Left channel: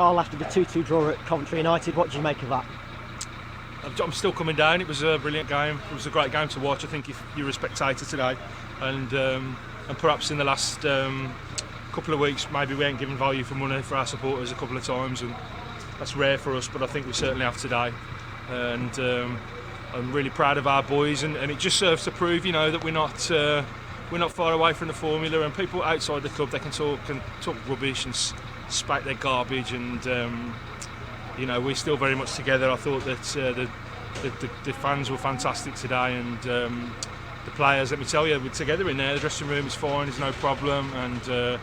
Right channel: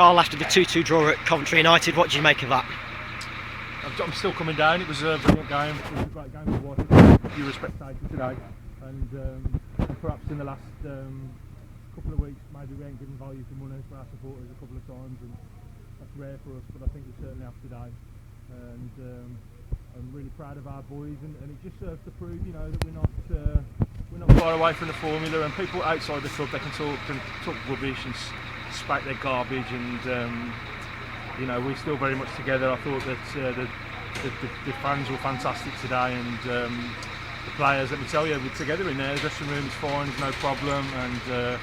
Carl, after the 2-2 draw at Coventry United, what do you make of that? I'm still coming down. It was a brilliant game. It was a great game to watch. I think you were a spectator today, and perhaps in the last couple of weeks maybe we ain't given value for money for our supporters a couple of times, and that's rare for us, but I think we certainly have today. And I'm really proud of our boys, and it just serves to prove, you know, that we're not far away from the formula. And people outside the club, they can talk rubbish and spat their garbage, and you know, we're still very much together. I thought that the fans were fantastic today, and the players, let me tell you, we're together in there. The dressing room is fine, there's no problem, and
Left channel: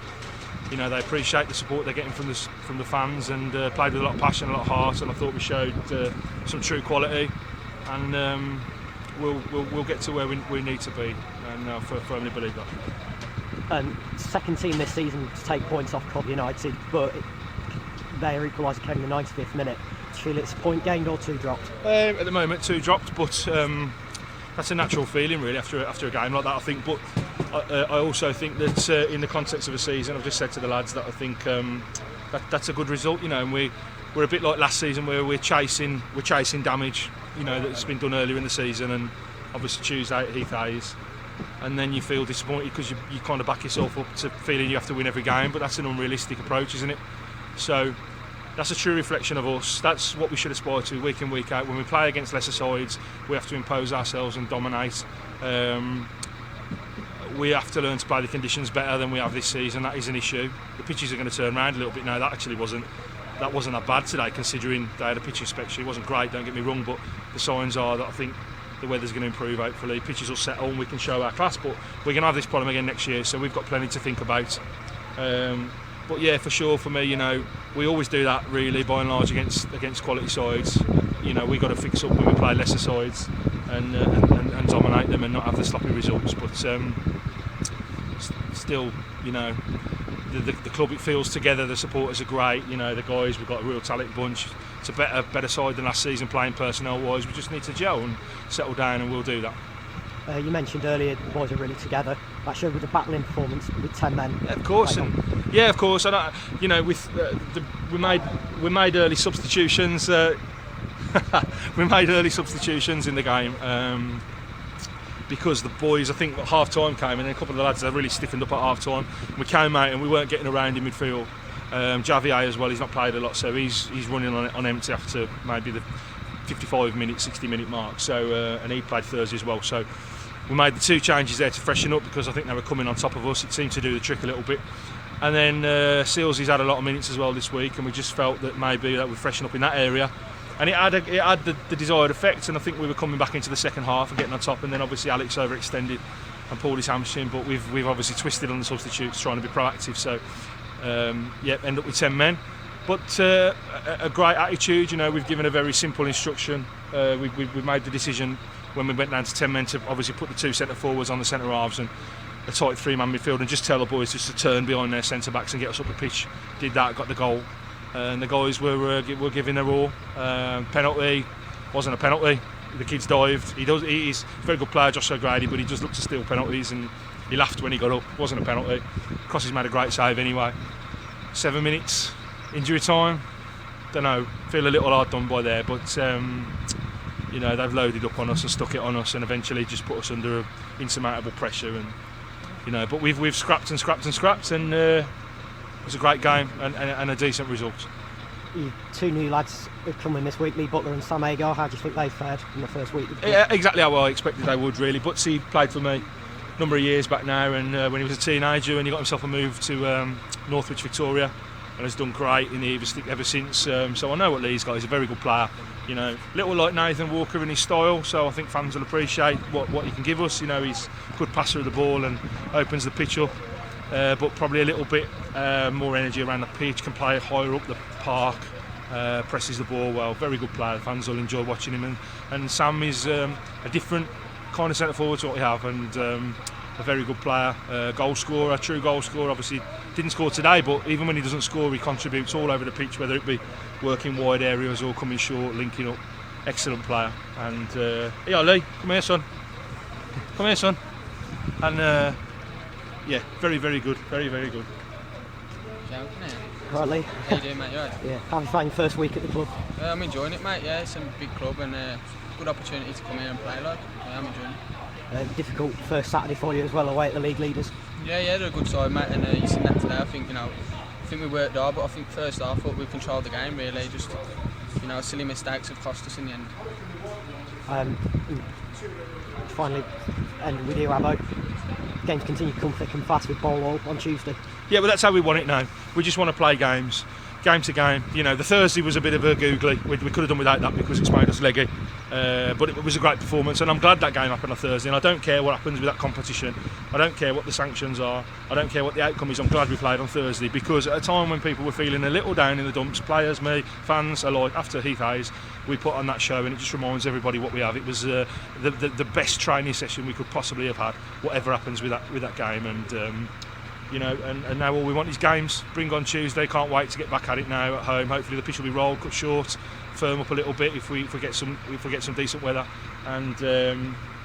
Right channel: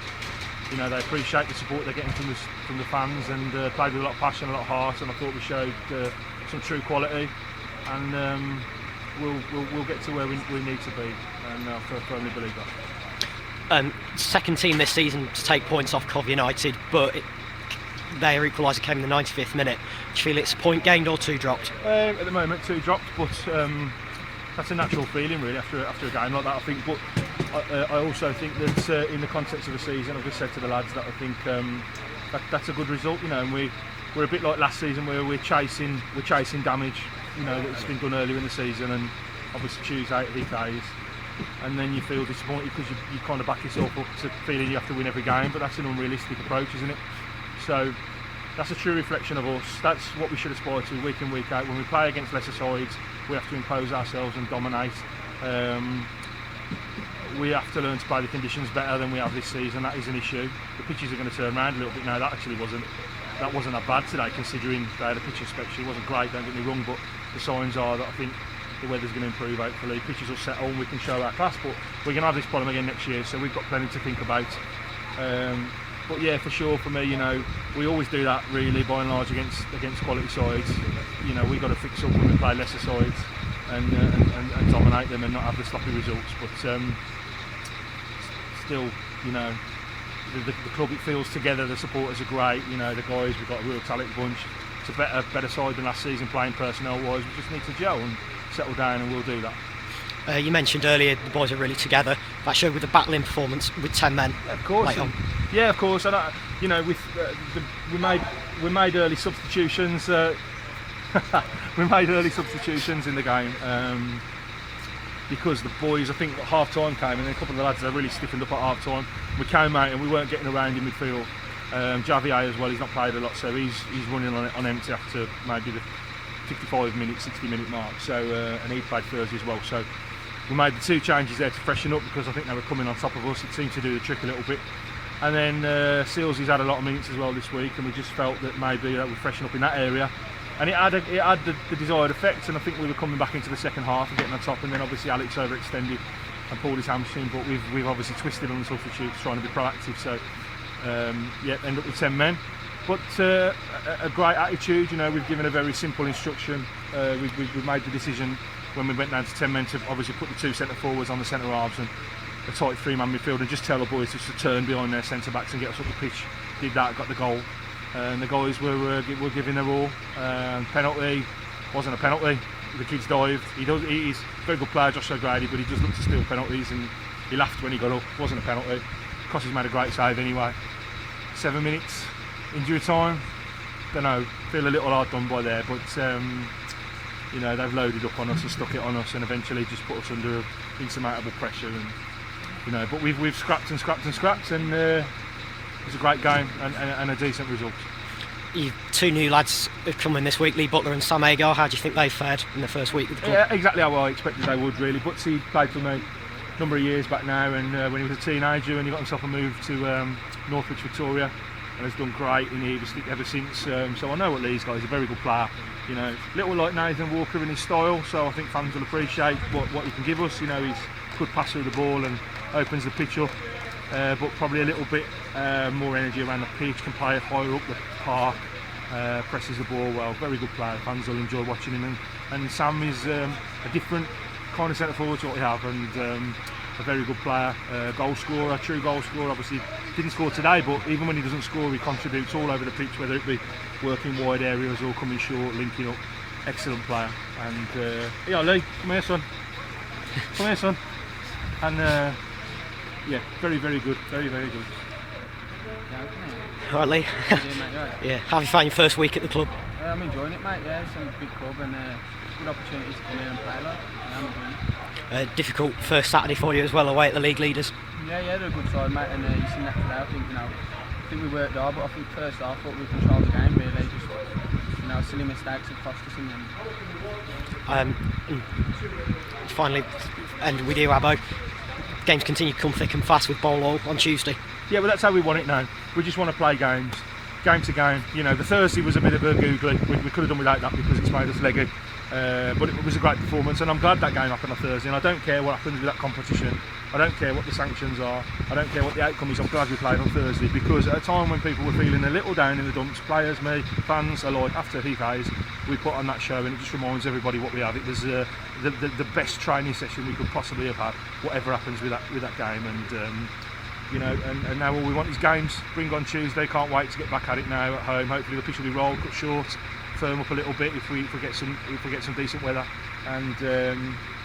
you know, they appreciate the support they're getting from the fans, and played with a lot of passion, a lot of heart, and I thought we showed some true quality, and we'll get to where we need to be, and I firmly believe that. Second team this season to take points off Cov United, but their equaliser came in the 95th minute. Do you feel it's a point gained or 2 dropped? At the moment, 2 dropped, but that's a natural feeling really after a game like that, I think. But I also think that in the context of a season, I've just said to the lads that I think that's a good result, you know. And we're a bit like last season where we're chasing damage, you know, that's been done earlier in the season, and obviously Tuesday at Heath Hayes, and then you feel disappointed because you kind of back yourself up to feeling you have to win every game, but that's an unrealistic approach, isn't it? So that's a true reflection of us. That's what we should aspire to week in, week out. When we play against lesser sides, we have to impose ourselves and dominate. We have to learn to play the conditions better than we have this season. That is an issue. The pitches are going to turn around a little bit now. That actually wasn't that bad today, considering they had a pitch inspection. It wasn't great, don't get me wrong, but the signs are that I think the weather's going to improve, hopefully. Pitches will settle and we can show our class, but we're going to have this problem again next year, so we've got plenty to think about. But yeah, for sure, for me, you know, we always do that really, by and large, against quality sides. You know, we've got to fix up when we play lesser sides and dominate them and not have the sloppy results. But still, you know, the club, it feels together. The supporters are great. You know, the guys, we've got a real talent bunch. It's a better side than last season playing personnel-wise. We just need to gel and settle down, and we'll do that. You mentioned earlier the boys are really together. That showed with the battling performance with 10 men. Yeah, of course. Yeah, of course. And you know, with we made early substitutions. We made early substitutions in the game because the boys, I think, at half time came, and a couple of the lads, they really stiffened up at half time. We came out and we weren't getting around in midfield. Javier as well, he's not played a lot, so he's running on empty after maybe the 55-minute, 60-minute mark. So and he played Thursday as well. So we made the 2 changes there to freshen up because I think they were coming on top of us. It seemed to do the trick a little bit. And then Seals, he's had a lot of minutes as well this week, and we just felt that maybe that we'd freshen up in that area. And it had the desired effect, and I think we were coming back into the second half and getting on top. And then obviously Alex overextended and pulled his hamstring, but we've obviously twisted on the substitutes, trying to be proactive. So yeah, end up with 10 men. But a great attitude, you know. We've given a very simple instruction. We've made the decision when we went down to 10 men to obviously put the 2 centre forwards on the centre halves and a tight 3-man midfield, and just tell the boys just to turn behind their centre backs and get us up the pitch. Did that, got the goal, and the guys were giving their all. Penalty wasn't a penalty. The kids dived. He's a very good player, Josh O'Grady, but he just looked to steal penalties, and he laughed when he got up. It wasn't a penalty. Crossy's made a great save anyway. 7 minutes. Injury time, don't know, feel a little hard done by there, but you know, they've loaded up on us and stuck it on us, and eventually just put us under insurmountable pressure, and you know, but we've scrapped, and it's a great game and a decent result. 2 new lads have come in this week, Lee Butler and Sam Agar. How do you think they fared in the first week with the club? Yeah, exactly how I expected they would really. Butsy played for me a number of years back now, and when he was a teenager, and he got himself a move to Northwich, Victoria, and has done great in ever since. So I know what Lee's got. He's a very good player. You know, little like Nathan Walker in his style. So I think fans will appreciate what he can give us. You know, he's a good passer of the ball and opens the pitch up. But probably a little bit more energy around the pitch. Can play higher up the park. Presses the ball well. Very good player. Fans will enjoy watching him. And Sam is a different kind of centre forward to what we have. And a very good player, goal scorer, a true goal scorer. Obviously didn't score today, but even when he doesn't score, he contributes all over the pitch, whether it be working wide areas or coming short, linking up. Excellent player. And yeah, Lee, come here, son. Come here, son. And yeah, very, very good. Very, very good. All right, Lee. How you doing, mate? You all right? Yeah. How have you found your first week at the club? I'm enjoying it, mate. Yeah, it's a big club and good opportunity to come here and play. Like, I'm enjoying it. Difficult first Saturday for you as well, away at the league leaders. Yeah, they're a good side, mate. And you seen that today. I think we worked hard, but I think first half, I thought we controlled the game really. Just silly mistakes have cost us in the end. And finally, and with you, Abbo, games continue to come thick and fast with Bowlhall on Tuesday. Yeah, but that's how we want it now. We just want to play games, game to game. The Thursday was a bit of a googly. We could have done without that because it's made us leggy. But it was a great performance, and I'm glad that game happened on Thursday. And I don't care what happens with that competition. I don't care what the sanctions are. I don't care what the outcome is. I'm glad we played on Thursday because at a time when people were feeling a little down in the dumps, players, me, fans alike, after HAFC, we put on that show, and it just reminds everybody what we have. It was the best training session we could possibly have had. Whatever happens with that game, and now all we want is games. Bring on Tuesday. Can't wait to get back at it now at home. Hopefully the pitch will be rolled, cut short, firm up a little bit if we get some decent weather, and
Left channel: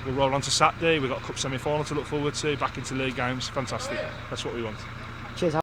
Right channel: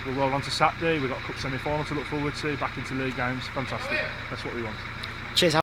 we'll roll on to Saturday. We've got a cup semi-final to look forward to. Back into league games. Fantastic. That's what we want. Cheers.